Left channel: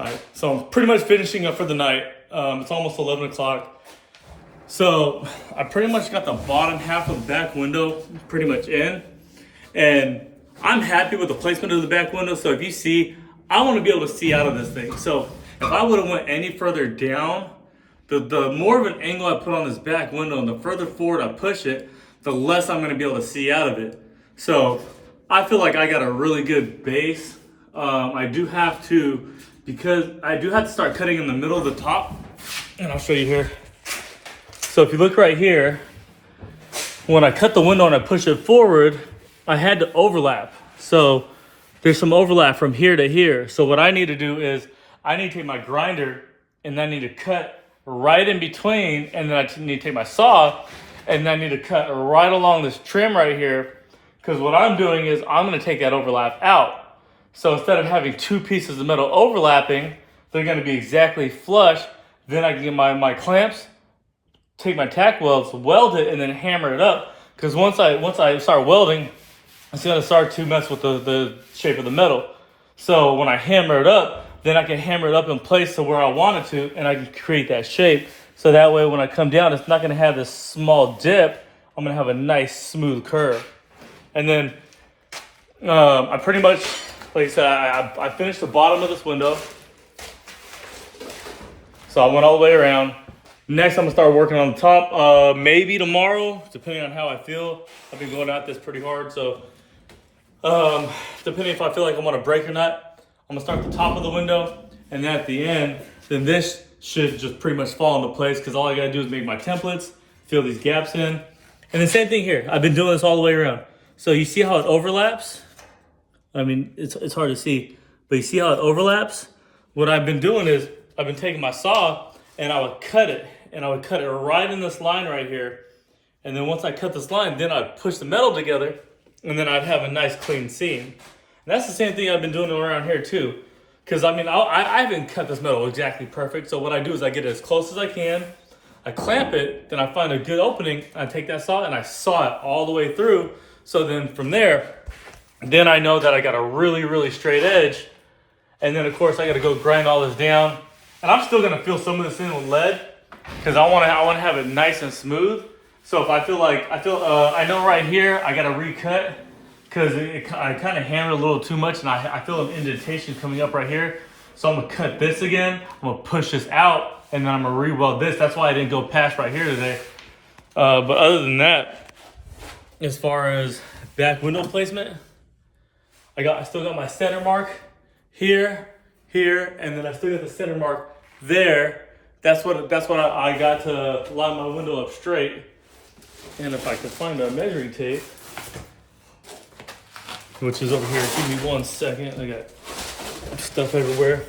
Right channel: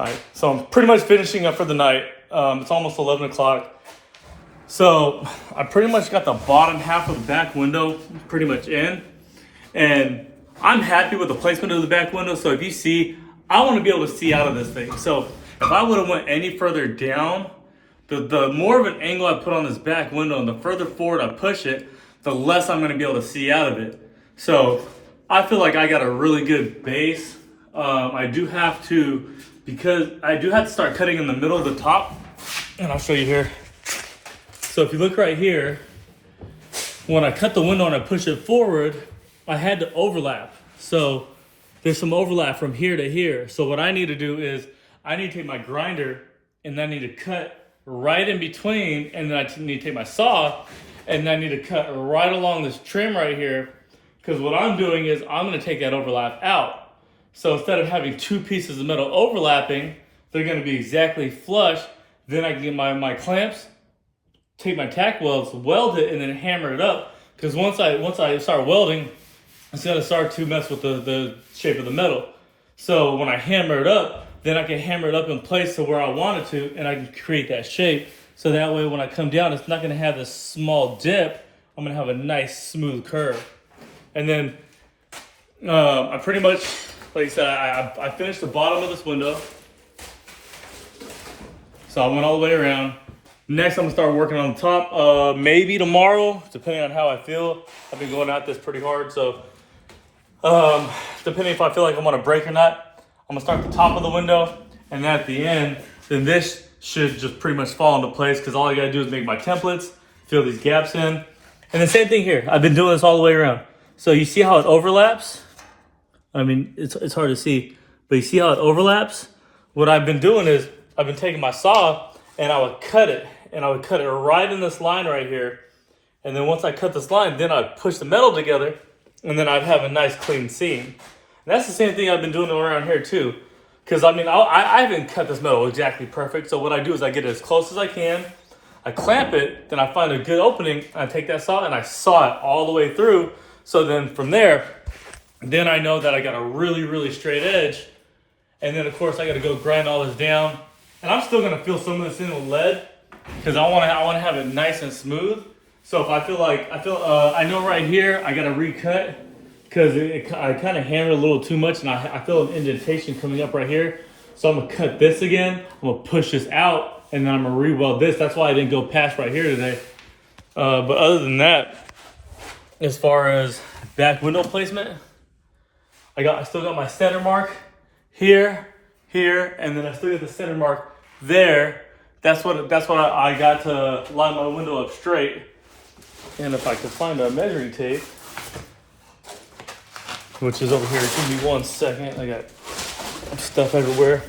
All right, so I'm pretty much finishing up for the night. It's almost 11 o'clock. So I pretty much got the bottom half of the back window pretty much in. And I'm happy with the placement of the back window. So if you see, I want to be able to see out of this thing. So if I would have went any further down, the more of an angle I put on this back window and the further forward I push it, the less I'm going to be able to see out of it. So I feel like I got a really good base. I do have to, because I do have to start cutting in the middle of the top, and I'll show you here. So if you look right here, when I cut the window and I push it forward, I had to overlap. So there's some overlap from here to here. So what I need to do is I need to take my grinder and I need to cut right in between, and then I need to take my saw and I need to cut right along this trim right here, because what I'm doing is I'm going to take that overlap out. So instead of having two pieces of metal overlapping, they're going to be exactly flush. Then I can get my clamps, take my tack welds, weld it, and then hammer it up. Because once I start welding, it's going to start to mess with the shape of the metal. So when I hammer it up, then I can hammer it up in place to where I want it to, and I can create that shape. So that way when I come down, it's not going to have this small dip. I'm going to have a nice smooth curve. And then I pretty much, like I said, I finished the bottom of this window. So I went all the way around. Next, I'm gonna start working on the top. Maybe tomorrow, depending on how I feel. I've been going at this pretty hard, so depending if I feel like I'm gonna break or not, I'm gonna start the top of the window, and then at the end, then this should just pretty much fall into place, because all I gotta do is make my templates, fill these gaps in. And the same thing here. I've been doing this all the way around. So you see how it overlaps? I mean, it's hard to see, but you see how it overlaps? What I've been doing is I've been taking my saw and I would cut it, and I would cut it right in this line right here. And then once I cut this line, then I'd push the metal together, and then I'd have a nice clean seam. And that's the same thing I've been doing around here too. Because I mean, I haven't cut this metal exactly perfect. So what I do is I get it as close as I can, I clamp it, then I find a good opening, I take that saw and I saw it all the way through. So then from there, then I know that I got a really, really straight edge. And then of course I gotta go grind all this down. And I'm still gonna fill some of this in with lead, because I wanna have it nice and smooth. So if I know right here I gotta recut, because I kind of hammered a little too much, and I feel an indentation coming up right here. So I'm gonna cut this again, I'm gonna push this out, and then I'm gonna re-weld this. That's why I didn't go past right here today. But other than that, as far as back window placement, I still got my center mark here, and then I still got the center mark there. That's what I got to line my window up straight. And if I can find a measuring tape, which is over here, give me 1 second. I got stuff everywhere.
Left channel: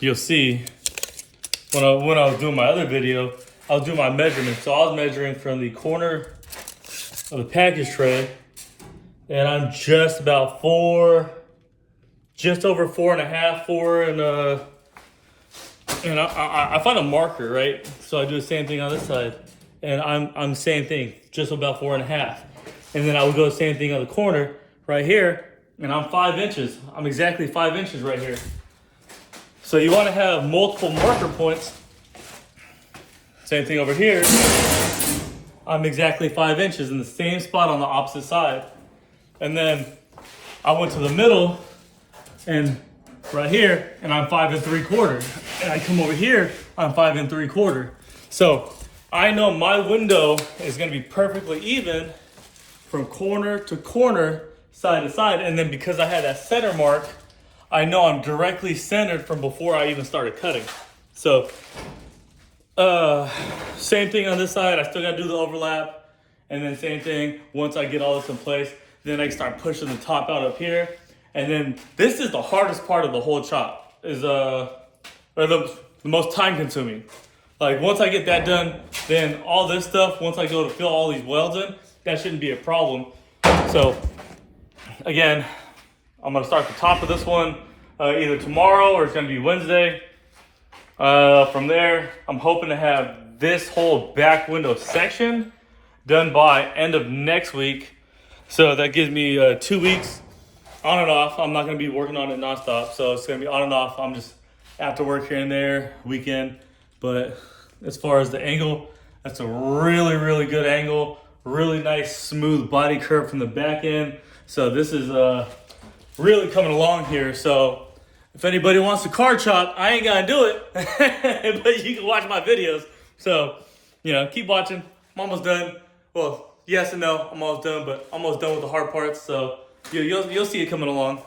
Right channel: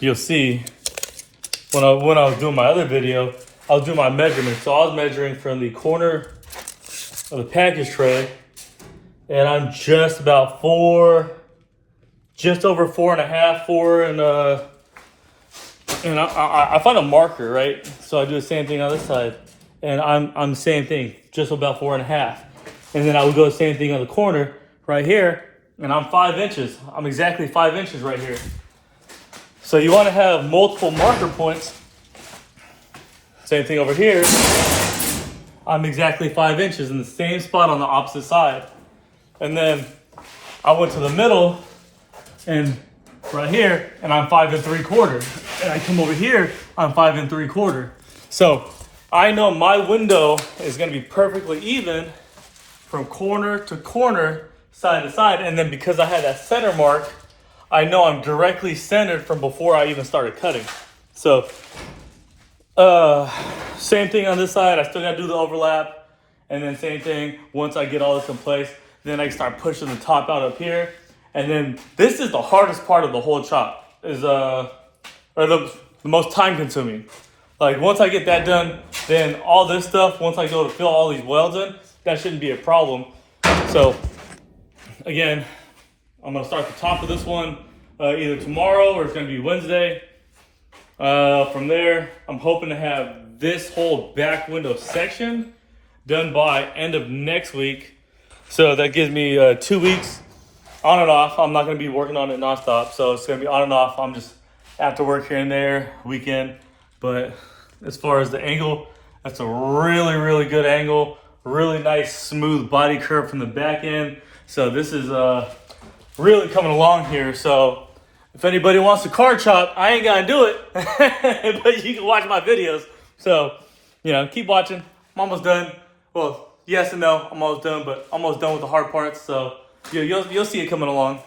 You'll see when I was doing my other video, I was doing my measurements. So I was measuring from the corner of the package tray, and I'm just about just over 4.5, 4, and I find a marker, right? So I do the same thing on this side, and I'm the same thing, just about 4.5. And then I would go the same thing on the corner right here, and I'm 5 inches. I'm exactly 5 inches right here. So you want to have multiple marker points. Same thing over here. I'm exactly 5 inches in the same spot on the opposite side. And then I went to the middle, and right here, and I'm 5 3/4. And I come over here, I'm 5 3/4. So I know my window is going to be perfectly even from corner to corner, side to side. And then because I had that center mark, I know I'm directly centered from before I even started cutting. So same thing on this side. I still got to do the overlap. And then same thing, once I get all this in place, then I can start pushing the top out up here. And then this is the hardest part of the whole chop, is or the most time consuming. Like once I get that done, then all this stuff, once I go to fill all these welds in, that shouldn't be a problem. So again, I'm gonna start the top of this one either tomorrow or it's gonna be Wednesday. From there, I'm hoping to have this whole back window section done by end of next week. So that gives me 2 weeks on and off. I'm not gonna be working on it nonstop, so it's gonna be on and off. I'm just after work here and there, weekend. But as far as the angle, that's a really, really good angle. Really nice, smooth body curve from the back end. So this is really coming along here. So if anybody wants to car chop, I ain't gonna do it, but you can watch my videos. So, you know, keep watching. I'm almost done. Well, yes and no, I'm almost done, but almost done with the hard parts. So yeah, you'll see it coming along.